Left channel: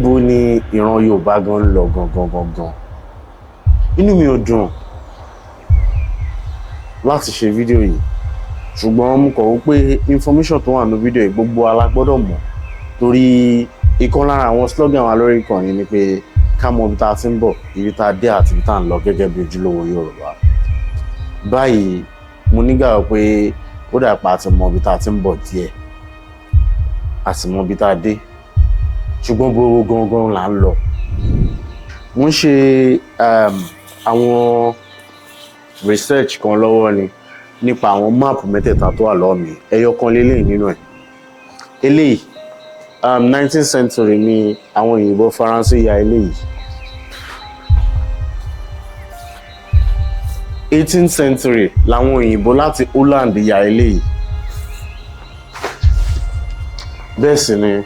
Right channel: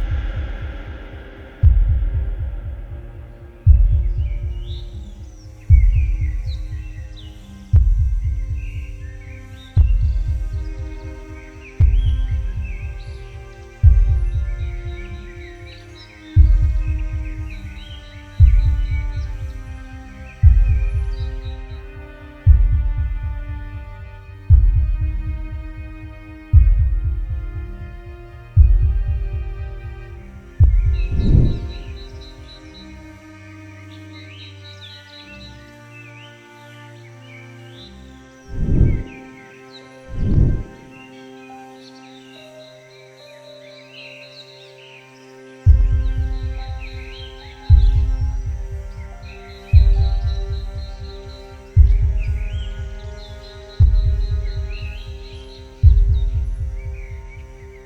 níbo ni ìran Yorùbá gan ń lọ gangan. Inú mi ò dùn láti ṣe fídíò yìí, ṣùgbọ́n mo kọ̀ wí pé information tó wà nínú fídíò yìí gbogbo wa la gbọ́dọ̀ mọ̀, torí ìkan lára àwọn slogan wa lórí ìkànnì ni pé ká mọ ibi tá a ti ń bọ̀, ibi tá a dé àti ibi tá a ń lọ gẹ́gẹ́ bí ojúlówó Yorùbá. Báyìí mo nígbàgbọ́ pé ó dà pa àti mọ ibi tá a ti ń bọ̀ díẹ̀, a sì mọ ibi tá a dé, ṣùgbọ́n gbogbo gangan là ń lọ. Mo ń ṣe àwọn research kan lọ́wọ́ ni nípa àwọn máàpù mẹ́tẹ̀ẹ̀ta tó wà lọ́wọ́ mi. Ẹyọ kan lélẹ́yìn nínú ẹ̀. Eléyìí 19th century ni àwọn òyìnbó Faransé ya eléyìí. 18th century làwọn òyìnbó láti Holland ya eléyìí. Bẹ́ẹ̀ sì ni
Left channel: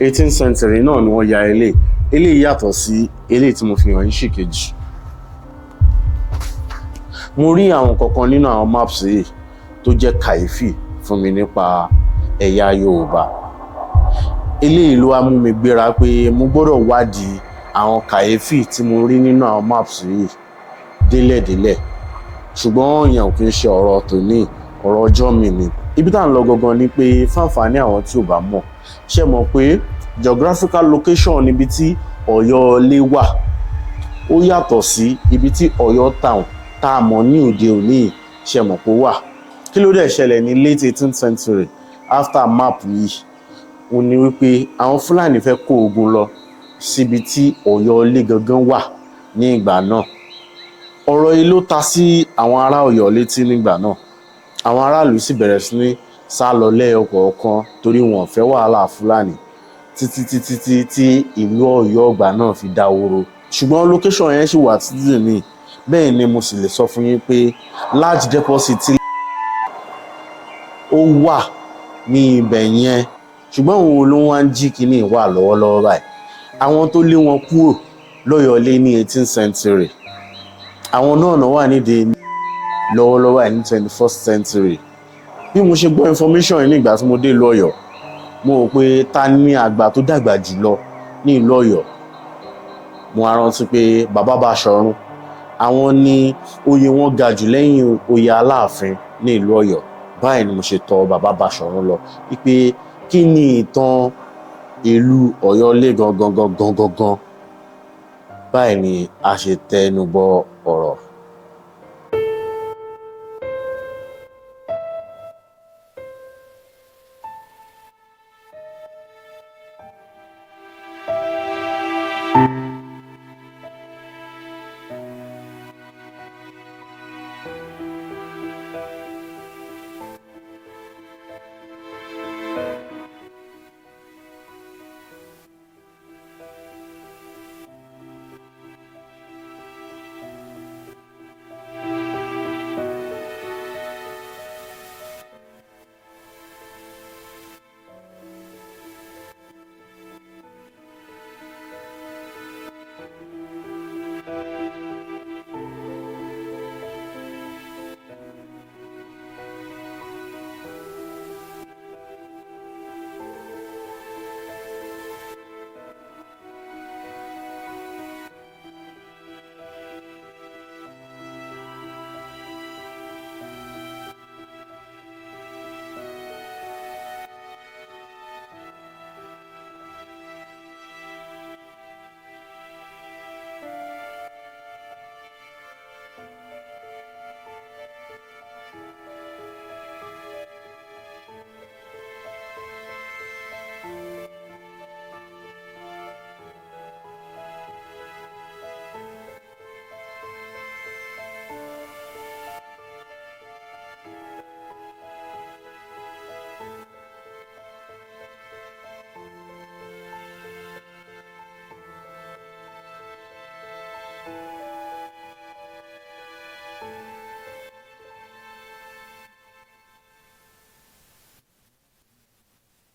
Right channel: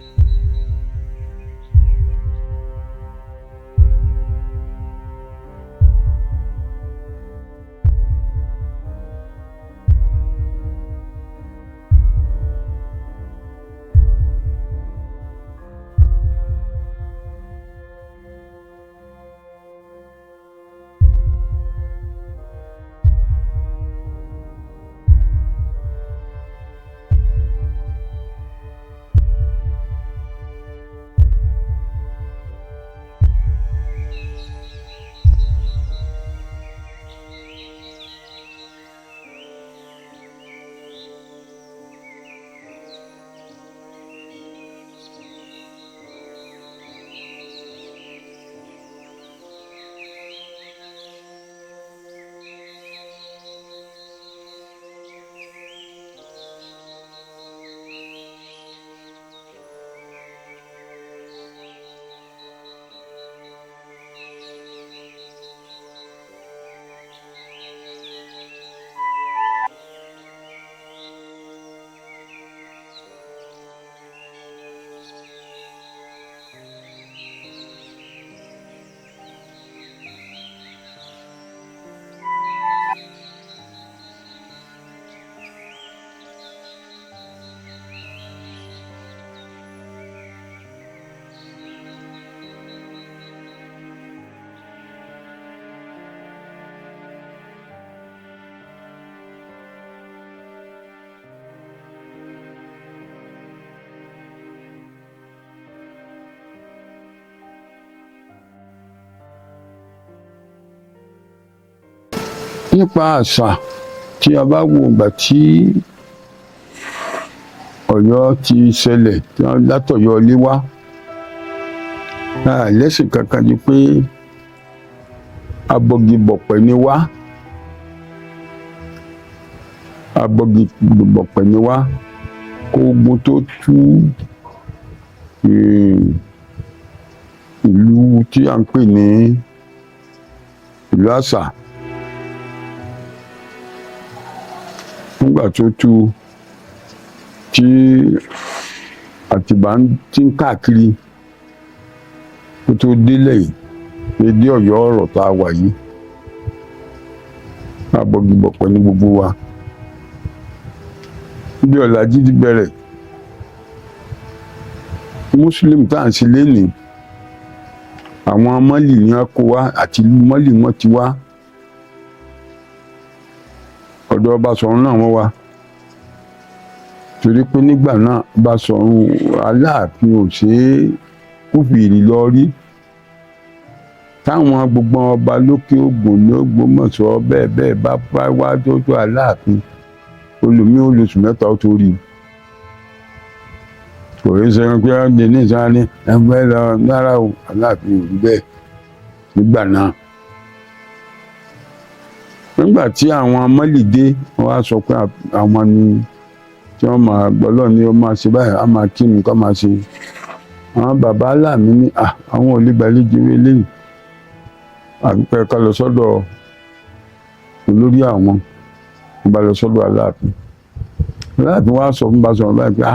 18th century náà ni wọ́n ya eléyìí. Eléyìí yàtọ̀ sí eléyìí tí mo fi hàn yín ṣìkejì. Mo rí àwọn kankan nínú àwọn maps yìí tó jẹ́ kàyéfì fún mi nípa ẹ̀yà Yorùbá. Eléyìí ló wá mú mi gbéra pé mo gbọ́dọ̀ wádìí àwọn kàyéfì tí mo rí nínú àwọn maps yìí délẹ̀délẹ̀. Ṣùgbọ́n ìyẹn ò kí ń ṣe ọ̀rọ̀ tòní, ọ̀rọ̀ ọjọ́ mi ni. Ibi tá à ń lọ gangan ni pé fáǹfààní àwọn tí ò bá mọ̀, ṣé mọ̀ pé geographical location níbi tí Ọ̀yọ́ Ilé wà ó yàtọ̀ sí ibi tí Ọ̀yọ́ town tá a mọ̀ ní òde òní, ṣé mọ̀ pé ó wà. Kí ló dẹ̀ ṣẹlẹ̀ ní late 18th century after map yìí? Ó ní wípé àwọn Fúlàní fẹ́ kó ogun lọ síbi tí Ọ̀yọ́ Ilé gangan wà ní ìgbà náà. Ọ̀rọ̀ yìí ló ta sí àwọn ará Ọ̀yọ́ létí nígbà náà. Àwọn aráàlú sì bẹ̀rẹ̀ sí ní sá lọ lẹ́yọkọ̀ọ̀kan torí wọn ò fẹ́ wàhálà Fúlàní títí tí ìlú Ọ̀yọ́ ọgbà náà fi dáwóró. Ṣùgbọ́n location yẹn ṣì wà títí ní. Bẹ́ẹ̀ ni mo sì lè sọ fún yín pé large deposit ó wà ní ibẹ̀ yẹn. Ṣùgbọ́n òun ló wá ń jí kínní wà lọ́wọ́lọ́wọ́ báyìí. Àwọn tó lé wọn kúrò lọ́yọ́ Ilé ní 18th century, àwọn náà wà nídìí lọ́wọ́lọ́wọ́ ní 21st century. Bí mo ṣe gbọ́ information yìí nígbà tí mo dé ìlú Ọ̀yọ́, mo rò pé ta ni àgbà tó dàgbà jùlọ ní ìlú Ọ̀yọ́. Mo á rántí pé bàbá Baṣọ̀run, àwọn ni oyè wọn ga jù lẹ́yìn oyè Aláàfin ní ìlú Ọ̀yọ́. Báyìí ni mo ṣe tọ̀ bàbá Baṣọ̀run lọ wípé kí ni ìtàn ìlú Ọ̀yọ́ Ilé gangan. Báyìí ni a ṣe tẹnu bọ ọ̀rọ̀. Nípa àṣà tí a bá wo ìgbà tí Ọ̀yọ́ ti ṣẹlẹ̀ tí wọ́n látọ̀yọ́ Ilé wá, lẹ́sìn kankan ni pé abọgibọ̀pẹ̀ ni wá. Abọgibọ̀pẹ̀ ni wá kó ogun tó tú ìlú tí à ń pè ní ìlú Àṣà. Nígbà tó tú tí Àtìbà ti ń káàkiri kó tó délẹ̀ yìí dédé Ọ̀yọ́ ọ̀rọ̀ tá a wà yìí, abọgibọ̀pẹ̀ ní gbogbo wa. Bí ọ̀làjú ti bẹ̀rẹ̀, Muslim tá à ń ṣe lénìí, àwọn Mọ́lì ni wọ́n kó wá, àti ìlú Mọ́lì wọ́n ti wá. Ọ̀dọ̀ Baṣọ̀run náà wọ́n wá. Torí pé nígbà náà Baṣọ̀run Aláàfin ò ṣe é kúfìrí lọ rí. Táwọn gbogbo ọba lókè Ògùn ní Ògbómọ̀ṣọ́ bẹ́ẹ̀ bá wá tó Aláàfin, olùmí olóṣù mẹ́ta ó tó rí. Kò rí sẹ́yìn pé wọ́n dé ní ìsáni ẹgbẹ́ lọ lára Aláàfin rí bẹ́ẹ̀ nígbà náà. Nígbà tí àwọn Mọ́lì dé, wọ́n wá sọ pé àwọn ni tí wọ́n máa gbọ́lọ́ ni ó máa ṣe báyìí, á máa kí mi kọ́ máa ṣe. Àwọn bàbá Aláàmì ní àwọn ò lè gbàlejò eléyìí. Àpẹẹrẹ ká lọ sọ́dọ̀ olórí àwọn, bá lọ sọ́dọ̀ Aláàfin. Aláàfin wá sọ fún Baṣọ̀run báyìí pé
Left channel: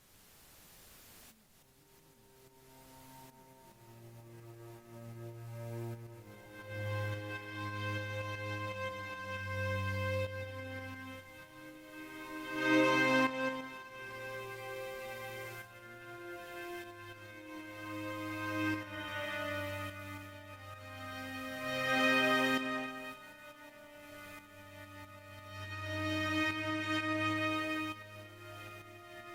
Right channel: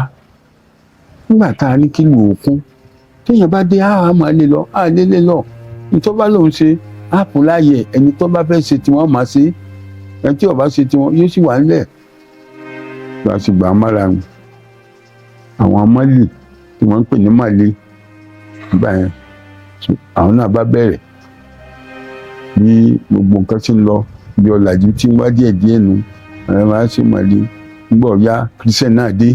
nígbà tá a ní kí lù òkun, téèyàn bá dé á máa lé lọ, á lé lọ. Nítorí bá lòun ṣe á fún láàyè, ẹni tó bá fẹ́ ṣe tiwọn máa ṣe, ẹni tí ò bá ṣe tiwọn yóò sì wà nílẹ̀. Bá a sì gbà á mára àwọn Mọ́lì tí wọ́n ń pè ní Màlẹ́ nígbà yẹn. Àwọn náà bá bẹ̀rẹ̀ bí gbogbo nǹkan tí ń lọ bí ọ̀làjú tí ń wá díẹ̀ nu àwọn máa ń ṣe Màlẹ́ nígbà ọ̀yá Christian náà dé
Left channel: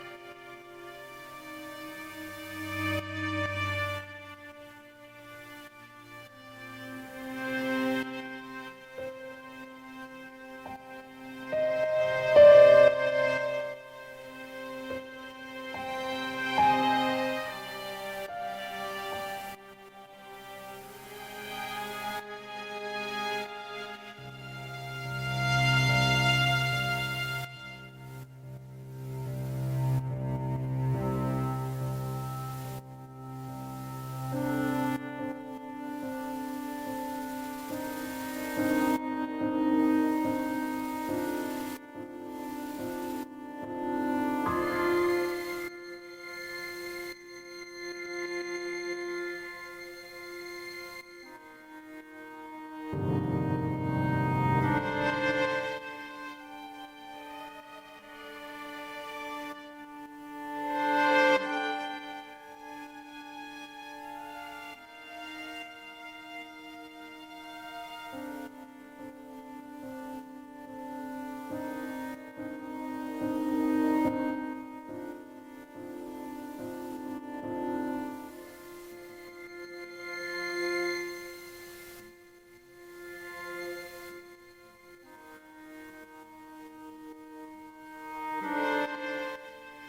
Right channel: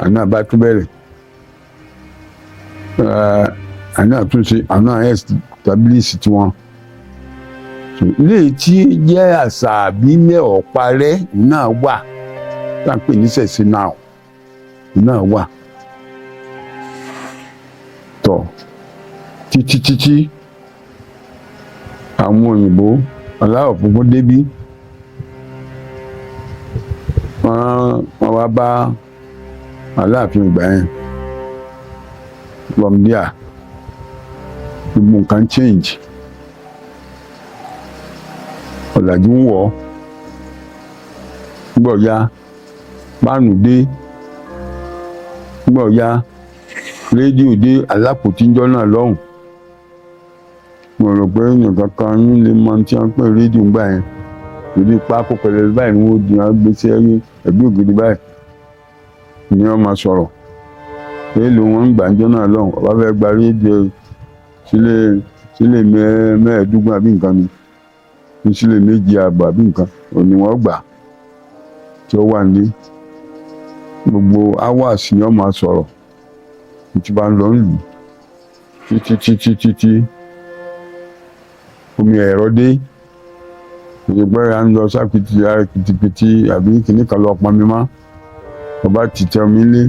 àwọn náà bá tún bẹ̀rẹ̀ àwọn náà tún ṣe àwọn náà establish tiwọn. Ilé tí jẹ́ àṣà àbílẹ̀ ọ̀parẹ́ náà wà tá à ń pè ní ṣẹ̀ṣẹ̀ náà wà tọ̀ títí àwọn òyìnbó aláwọ̀ funfun débí wọ́n wá bá Aláàfin ìgbà yẹn from there gbogbo nǹkan change ọ̀làjú ń wọ̀ nígbà ọ̀ya páànù dé nígbà ọ̀ya rédíò dé alápòtíjọ́ náà lọ́hùn. Mo rò pé nǹkan kan yín lè mọ tí wọ́n pè rédíò gbà yẹn ìdí pákó pẹ̀lẹ́ báyìí ni wọ́n di wọn gbé sí ẹgbẹ́ ògiri báyìí ni wọ́n máa sọ̀rọ̀ èèlò wọn ń gbàjọ́ náà lọ́hùn ọba fẹ́ gba rédíò sílé mẹ́ẹ̀ẹ́dógún àbí nǹkan ni sílé méjì ààbọ̀ àbí nǹkan òní wọ́n gbà tí ó wà ní gbogbo hours ni wọ́n máa sọ̀rọ̀ tí bá ń lọ lù títí omi ẹ̀rọ dé ìgbẹ́ra ń lọ sápìtì àbí kìnnì kan lọ pọnmi mọ́ ọba tìtẹ́ omi lé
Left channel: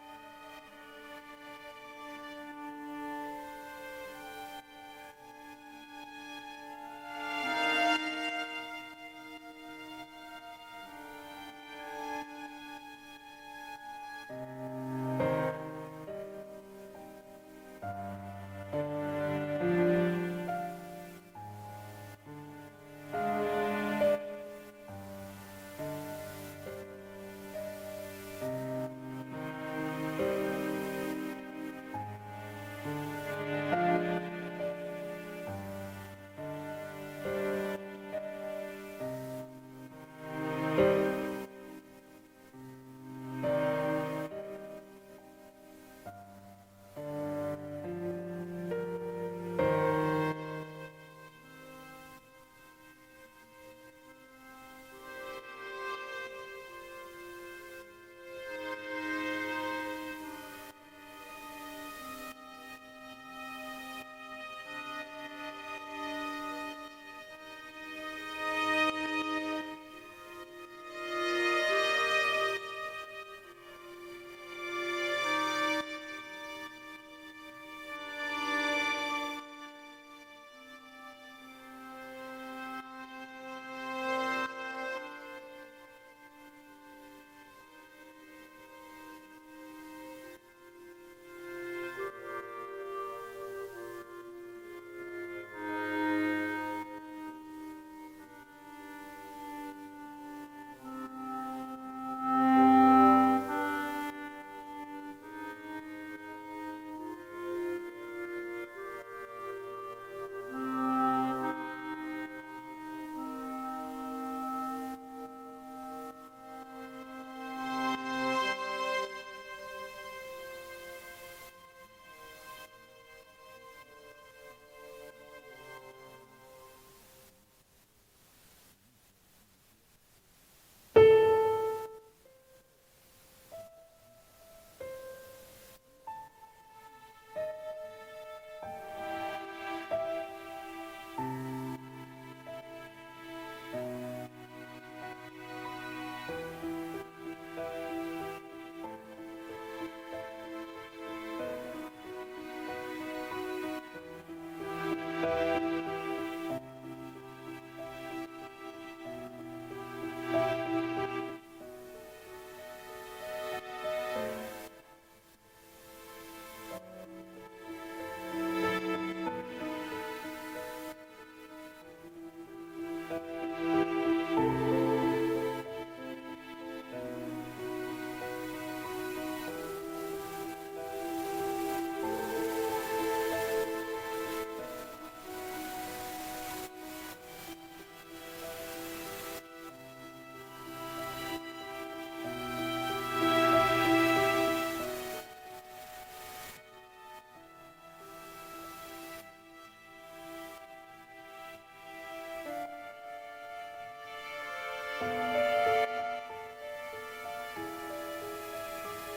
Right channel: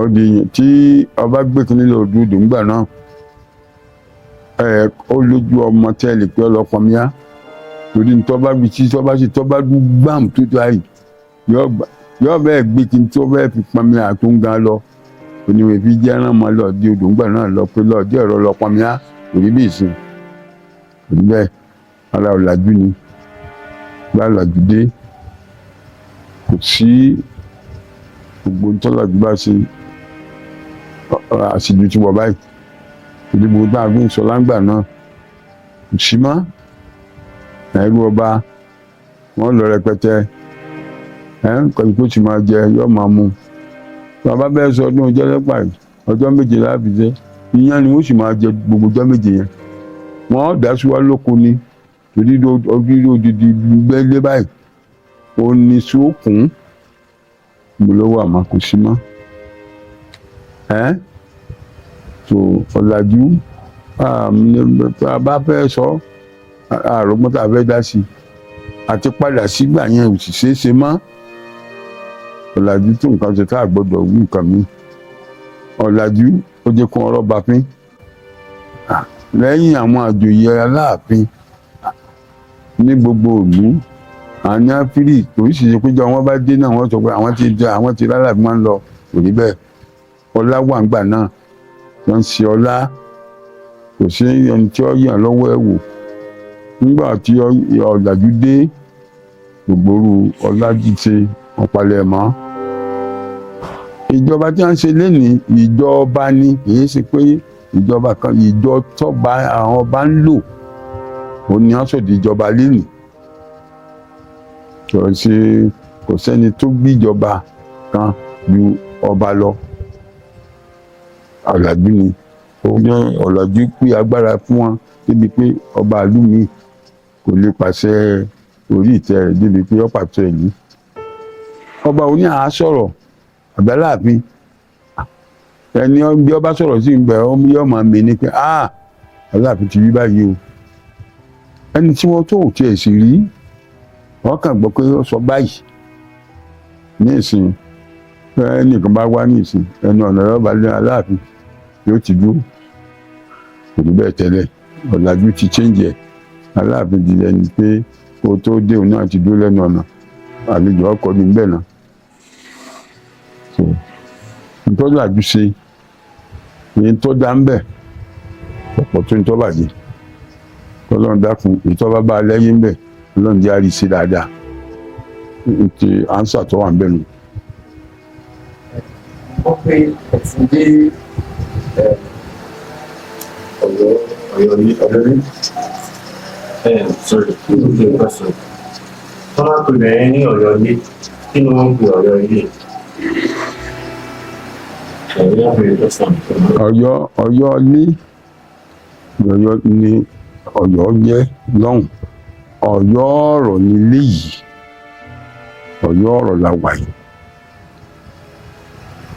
ọdí tí ọba gbé kìnnì lọ dúdú ńgbà náà ó lójú ọmọ tẹ́lẹ̀ pé ọlọ́pọ̀ mi á torí tọ́ba bí tí tọ́ba dún gbàm tó tó àyè yọ bẹ́ẹ̀ gbé kí n tó bẹ́ẹ̀ fi pọnmi àtúngá lọ oníwèé fi jẹ́ ẹran máa lọ di odò ńgbà náà lọ pé lọ́ọ̀dí ẹ̀rọ lọ́pọ̀ mi á torí bí ìsìn òní bẹ́ẹ̀ ara ọ̀làjú ni bá ọ̀làjú dé kò sí gbogbo ntọ́làjú bá ṣe àṣìjú ti wọ̀ báyìí ìdìbò tá a fi ń sọ láǹgbà náà kò sí mọ́ ẹ̀rú ọba wọ́n lọ rẹpẹtẹ nǹkan tó sì máa jẹ yóò máa mú bàbá bẹ́ẹ̀ sọ ọdún ọjọ́ lẹ́pà yìí ọjọ́ méje láàbì jẹ́ ìyẹn ni wọ́n sì máa jẹ gbogbo ọjọ́ méje yẹn wọ́n dá sí wa lóko ni torí ojú odidi gbẹ́lẹ́ báyìí ó ní sókùn mo ló wà má kò sí mọ́ tó ọ̀làjú bá fẹ́ sọ àrògbọ́n tá a fẹ́ dá sí àti padà sígbà yẹn ò sì ṣeé ṣe mọ́ ọ̀làjú tó nǹkan ṣe tá a gbọ́dọ̀ wí nǹkan mi ọ̀làjú ó jẹ́ kó ọ̀rọ̀ bá pín lẹ́yìn àwọn àjòyè Aláàfin ní gbogbo ìlú àní áfírì oríṣiríṣi péjọ wọn bá dé náà wọ́n sọ pé àwọn ti Aláàfin máa ń lọ kò rí bẹ́ẹ̀ ọlá wà ńgbà náà wọ́n ń ṣe ọlá kò sí ẹni tí ó yàn lọ́wọ́ ẹ̀ wò nígbà tí ọ̀làjú dé gbogbo ọlá jíṣe wọn palẹ̀ mọ́ ìjọba tí wọ́n ń ṣe lénìí ìjọba ni kì í ṣe pé ìjọba kan ìjọ tọ́ba àwọn ọba ń lò òun ni wọ́n sọ̀dí ìjọba lénìí kò sẹ́ni tó gbíjọba kan ju ọba lọ ọ̀làjú ni ọ̀làjú pé agbára fún wọn débi pé ọba ìlú mi kò lè pàṣẹ orí ìtẹ́ rẹ̀ débi pé ó pàṣẹ ìlú ọba òní àá sọ̀rọ̀ Àgbàláàfin ẹni bí ọba sọ̀rọ̀ sí ìgbà yóò máa mè ní pé Aláàfin ti rí báyìí o ẹni tí wọ́n tó ò tiẹ̀ sì rí wọ́n kàn gbọ́ pé ó sọ báyìí ní ìsìn ẹnìkan bá wá ní ìsìn ẹnu ọ̀nà ọba lé Aláàfin yóò ti dúró kò ní bẹ́ẹ̀ tẹ́lẹ̀ ọ̀làjú ti change ẹ̀ Aláàfin ti ẹni pé kó tó dé òun náà ti dúró lẹ́nu ọ̀nà àlejò ọkọ̀ ní bẹ́ẹ̀ náà nítorí àjùṣe ní tó dá ń bẹ̀ ọ̀pọ̀ tó ń tọ́ bàjẹ́ Ọlọ́run dákun ìtọ́ba bá lẹ́yìn ń bẹ̀ Ọlọ́run jẹ́ àríṣe dáadáa ti ánsà tó wà ń bẹ̀ nù. wọ́n pe ẹ̀sìn dé ọ̀yọ́ ní sorry okay question wọ́n máa pè bẹ́ẹ̀ ní ọ̀yọ́ ilé kí ni wọ́n ń pè ọ̀yọ́ ilé. Ọ̀yọ́ àbẹ̀rẹ̀ lọ́sàn. Ọ̀yọ́ ní Ọ̀yọ́ jẹ́ lọ́hùn. Ọ̀yọ́ ọ̀rọ̀ nílé yìí. Ọ̀yọ́ ọ̀rọ̀ la wà yìí.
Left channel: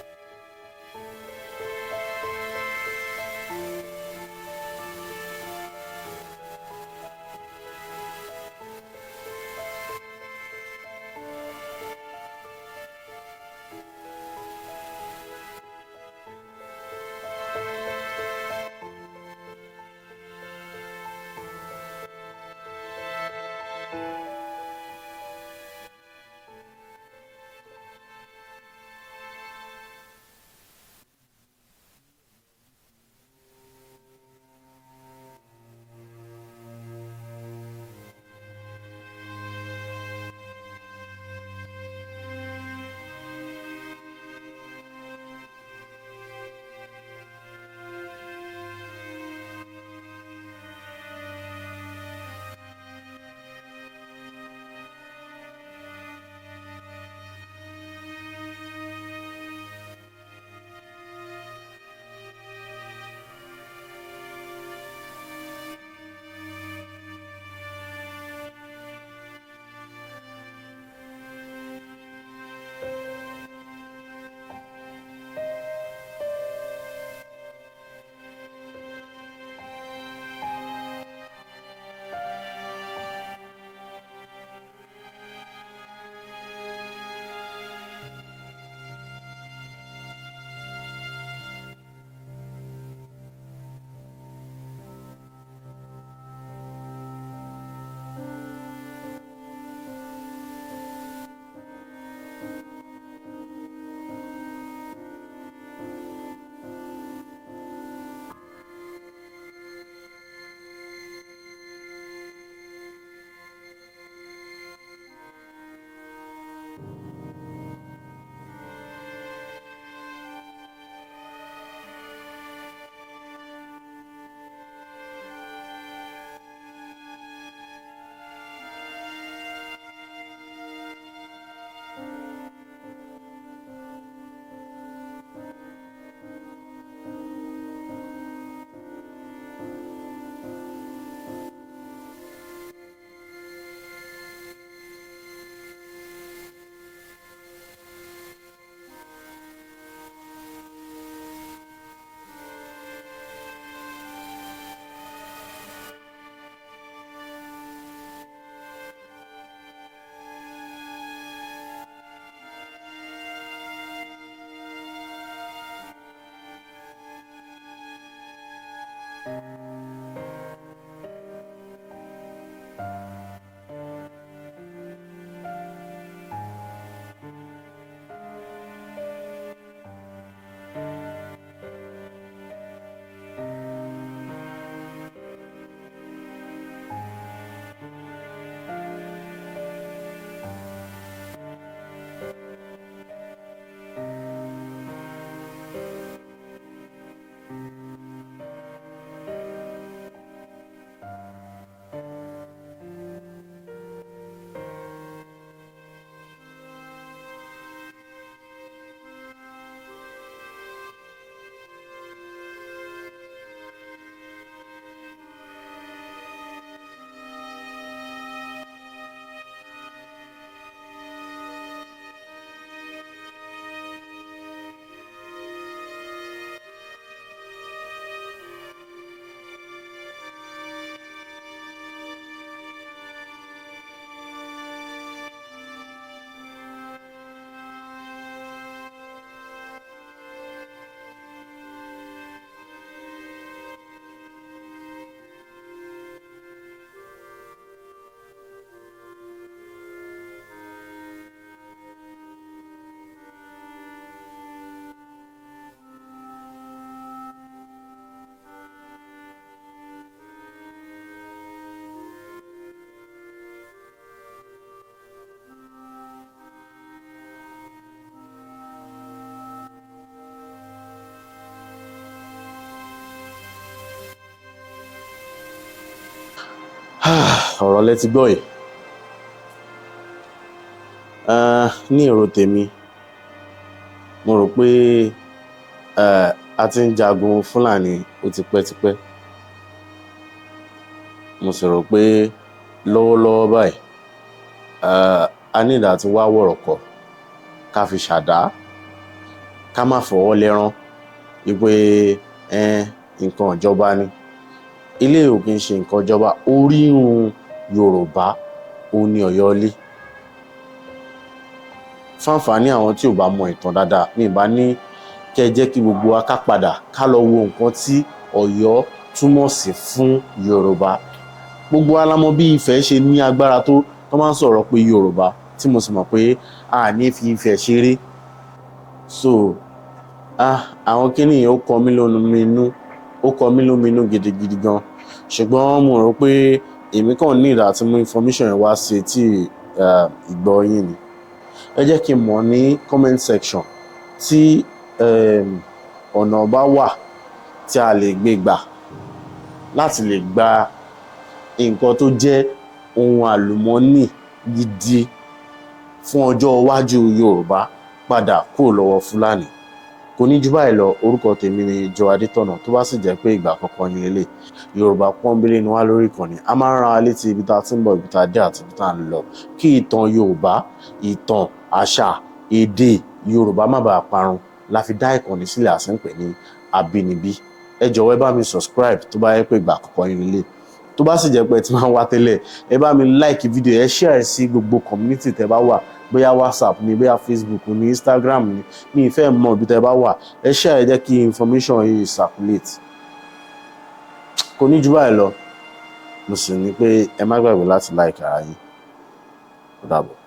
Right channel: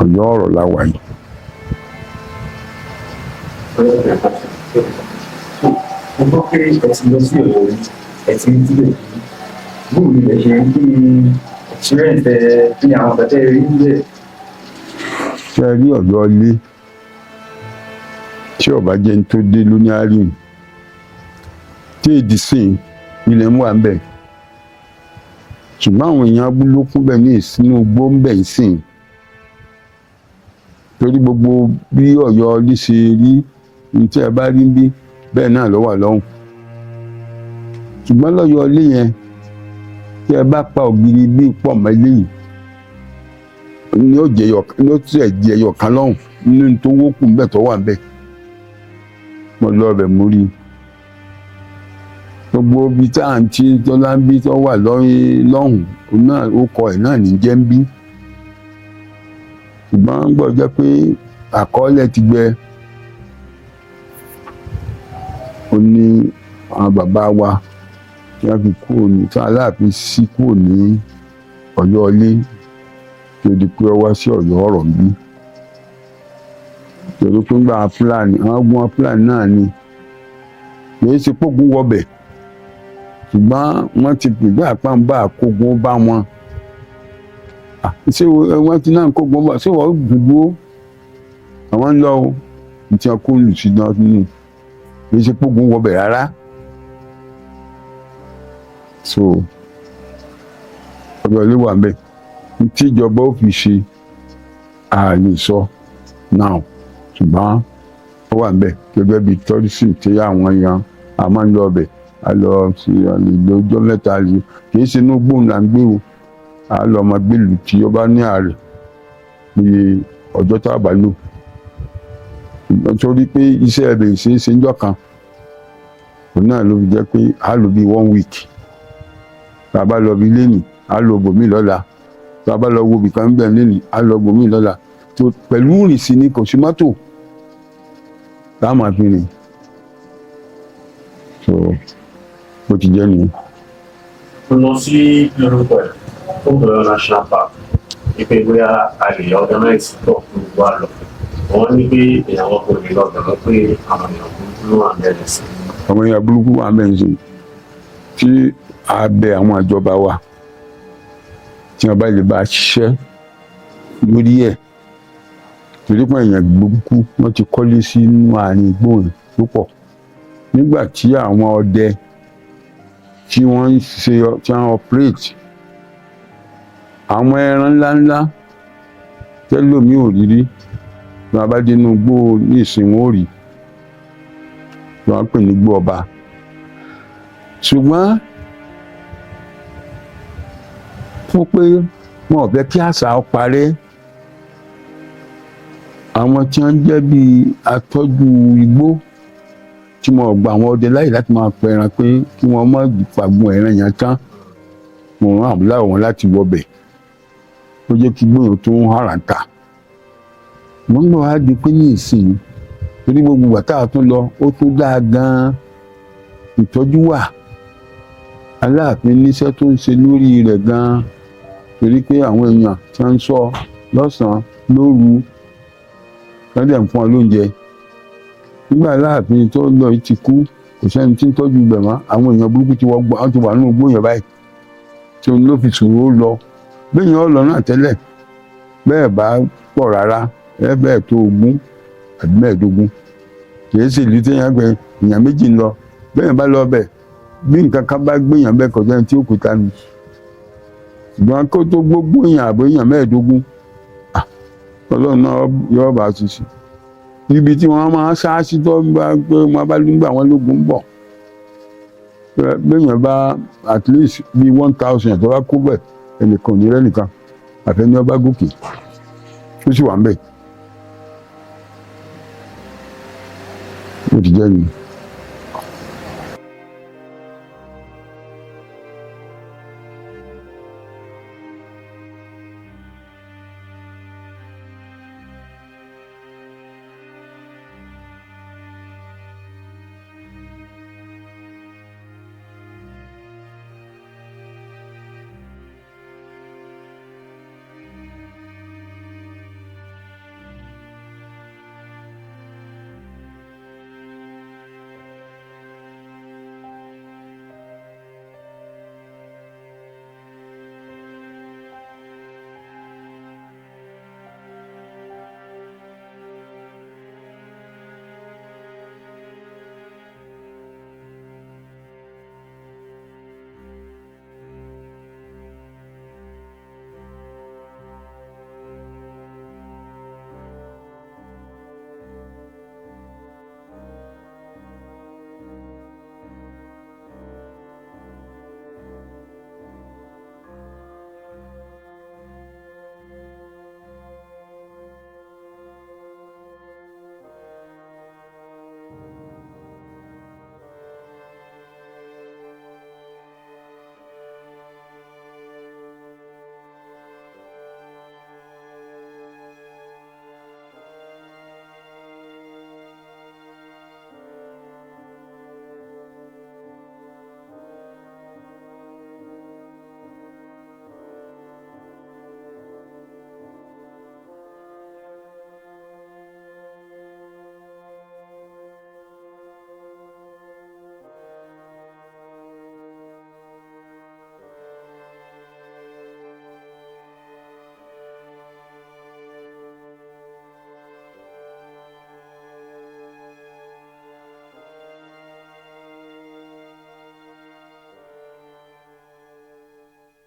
Ọ̀yọ́ ọ̀rọ̀ la wà yìí. Mo gbọ́ pé ẹ ti lọ sí Ọ̀yọ́ rí, ẹ ti ń dílé. Bóòlù ilẹ̀ ṣe ń kí experience kí ni àwọn bàtẹ́ rí nílẹ̀. Ṣé ẹ rí Ọ̀yọ́ ilé tí ọba jẹ́ ní tó dé lóní àárín tí èdè sìn ilẹ̀ ń wà ń bẹ̀. Ṣùgbọ́n àwọn èèyàn abúlé kún bẹ̀ ní ìsinú igbó ń bẹ̀ ń sìn. Torí gbogbo bí Ọ̀yọ́ ilé ṣe rí ní tí ẹ bá rí bí bẹ́ẹ̀ náà ló wà lọ́hùn. Ṣùgbọ́n lọ́yọ́ ilé yẹn tí ẹ bá pa ògiri bí pọ̀ mọ́ ilé yìí ní ó tẹ̀ di ẹyọ kan lọ́hùn nínú tó wókù ń bẹ̀ tó wà ń bẹ̀. Mo lọ ọbẹ̀ mú rí gbogbo ibi tá à ń tí tọ́lá ń bí tó wà lọ́hùn náà ó kọ ẹ̀ náà ní jẹ́ ń bí. Ṣùgbọ́n gbọ́ jẹ́ pé àkọọ́lẹ̀ ti gbẹ. Ó ní àwọn bàbá wa tí wọ́n fi kúrò ní tí Aláàfin sí kúrò ní Ọ̀yọ́ ilé tó di pé ó wá sí Ọ̀yọ́ ọ̀rọ̀ ń bí. Torí pé ńgbà Fúlàní àwọn ogun Fúlàní náà ni kìí ṣe pógun wọbẹ̀ ṣùgbọ́n wọ́n ti gbìgbà àpáǹbá àkógun bá wọn. Ṣé wọ́n ti náà kógun bá ṣé wọ́n gbogbo àwọn ń lọ o tí wọ́n kó lù sí náà nínú kìí ṣe pógun wọbẹ̀ rárá. So Ọ̀yọ́ ilé wà bẹ́ẹ̀ tí ìjọba ó fi ṣe a lè sọ náà ṣùgbọ́n ó wà bẹ́ẹ̀ gẹ́gẹ́ bí tourism tí àwọn èèyàn a máa ń lọ ọbẹ̀ a lọ sí àlejò ọjọ́ mẹ́ta rí kìí ṣe inú gbóhùn là ń gbé o a lọ ọmọ gbèlú tí ó bá ní ààrẹ ní ọjọ́ tá a bá lò nítorí pé iṣẹ́ ẹ̀bẹ̀ ìṣeéṣe ńjọ́ kan òun náà ló fi jẹ́ pé a lò bí 1 week tá a bá lọ bí lẹ́nì a lọ bòmí lọ́la tá a bá lọ wo ibìkan ń bẹ̀ lẹ́nì a lọ bòmí lọ́la tó pẹ̀lú ìrìnsì ni kò sí mọ́tò tá a máa fi rìn so bó ti jẹ́ nìyẹn. Mo lọ sí lórúkọ ẹ̀ fún Ọ̀yọ́ National Park wípé bóyá a lè organize tó fún wa lọ. Wọ́n ní pé ìyàwó kò lè lọ bẹ̀rẹ̀ pé àwọn èèyàn burúkú wà bẹ̀rẹ̀ sí. Àwọn èèyàn burúkú wà bẹ̀rẹ̀ sí tí a bẹ àwọn ìjọba wa tí wọ́n bá lè bá a ṣiṣẹ́ lórí ẹ̀ torí pé èèyàn burúkú wọ́n ti kọ́lé sínú àárín ìgbóhùn púpọ̀ nígbà tí àwọn ọdẹ tí wọ́n ń ṣe tí wọ́n operate àwọn ẹran ńláńlá tẹ́lómi ò rí rí tí wọ́n bá dé inú igbó ní ìsìn wọn ò rí tí wọ́n pè ní igbó ọba ṣùgbọ́n fún pé wọn ò fẹ́ kí àṣà ó parẹ́ àwọn tí wọ́n jẹ́ bíi atọ́jú igbó tí wọ́n gba àwọn ọdẹ láyè láti máa pa ẹran pé kí wọ́n má fàgbọ́n ẹran yẹn tán wọ́n rán àbúlá wọn láti wọbẹ̀ ó jẹ́ kí gbóyún tó ń hàrà ta wọ́n gbọ́ wá di pé ní ìsìn torí gbogbo wàtá tó lọ ó tó dáa gan-an ìtọ́jú wà Aláàfin níṣẹ́ tó ń ṣe lórí rẹ̀ gan-an torí pé àwọn èèyàn tí wọ́n ń sọ lọ́sàn-án lóru wọ́n dẹ̀ ń fún ọ lóúnjẹ nígbà Aláàfin tó lọ yìí ti kú kò sẹ́ni tí ń tọ́jú ibẹ̀ mọ́ àwọn èèyàn burúkú ti wọ́n ti wà nínú igbó yẹn báyìí tí òun ló fi ṣòro lọ bẹ́ẹ̀ yẹn ó lọ náà tẹ́lẹ̀ bẹ́ẹ̀ bá pọ̀ rárá bẹ́ẹ̀ tó 20 àbí 15 kìí ṣe ìlú téèyàn gbẹ èèyàn méjì ń lọ bẹ́ẹ̀ bá lọ bẹ̀ bí nǹkan kan bá gbéyàn bẹ́ẹ̀ kọjá ní tí ó kúta ni ṣùgbọ́n kó tó gbogbo èèyàn àbọ̀ èèyàn 15 Ọlọ́run náà yọ bá a ṣiṣẹ́ ibi tí wọ́n máa ṣáàṣì tó bá pé wọ́n bá lùgbà wọn lógun ń bọ̀ gbéyàn bá at least bí 1000 tó bá kú bẹ̀ ẹnìkan ò ní rẹ́nìkan àfẹ́ni ọba gòkè ó sì wà ń bẹ̀ ó ti jẹ́ nìyí. ọ̀rọ̀ lẹ ti gbọ́ yìí ní èrò tèmi mo rò pé a ti ń jagun Fúlàní ó ti pẹ́tipẹ́ mo sì rò pé lọ́wọ́lọ́wọ́ báyìí a ní ìdá tí wá wọ̀rọ̀kọ̀ ká fi ṣàdá ká má fọwọ́ lẹ́rán wípé nǹkan ìjọba ni ilé ò kì í ṣe nǹkan ìjọba orírun Yorùbá ó ní Ọ̀yọ́lé fáǹfààní àwọn tí ò bá mọ ìtàn dáadáa ní ìbá ní kẹ́ jẹ́ kí gbogbo wa ká padà ká lọ wo nǹkan tí Ọ̀yọ́ túmọ̀ sí fún Yorùbá gbogbo wa la mọ̀ bí Ifẹ̀ ṣe ní agbára tó máa ń sọ̀rọ̀ pé Yorùbá tí mo sì mọ̀ pé a ní fi Ifẹ̀ ṣeré so àwọn kíní ó kọ mí lóminú gidigidi gan ṣùgbọ́n mo rò pé èmi kàn ní ìdá tí mú information yẹn wá sí tí ìgbọ́ yín ni ẹ jẹ́ kí n mọ̀ ní comment section tí ọ̀nà bá wà tí a lè gbé gbà láti lè gba nǹkan tó jẹ́ ohun àlùmọ́ọ́nì gidi fún ọjọ́ iwájú Yorùbá padà kúrò lọ́wọ́ Fúlàní kò ní jù báyìí lọ orúkọ tèmi ni Joe Adétọ̀nà tó bá sì jẹ́ pé ìgbà àkọ́kọ́ ní ilé Yorùbá pọ́nbélé ni wá lórí ìkànnì a máa ń rán wa létí ibi tá a ti ń bọ̀ ibi tá a dé àti ibi tá a ń lọ kí ìtàn Yorùbá ìtàn àṣà èdè Yorùbá má bàa parun la fi dá ìkànnì sílẹ̀ àti ń pè ní Abínibí ẹ jọ̀wọ́ ẹ bá mi subscribe tó bá yẹ pé ìgbà àkọ́kọ́ ní ilé tó bá sì jẹ́ pé ẹ ti máa ń wá tẹ́lẹ̀ ẹ bá mi like fídíò ẹ share sí gbogbo community tẹ́ bá wà bóyá WhatsApp ni bóyá Facebook ni Instagram ni ní ìfẹ́ mọ̀ ibi tẹ́ bá wà ẹ share ẹ jẹ́ kí information yìí circulate kò ní jù báyìí lọ mo sì ní pé ẹ má gbàgbé láti like ara yín ó dàbọ̀.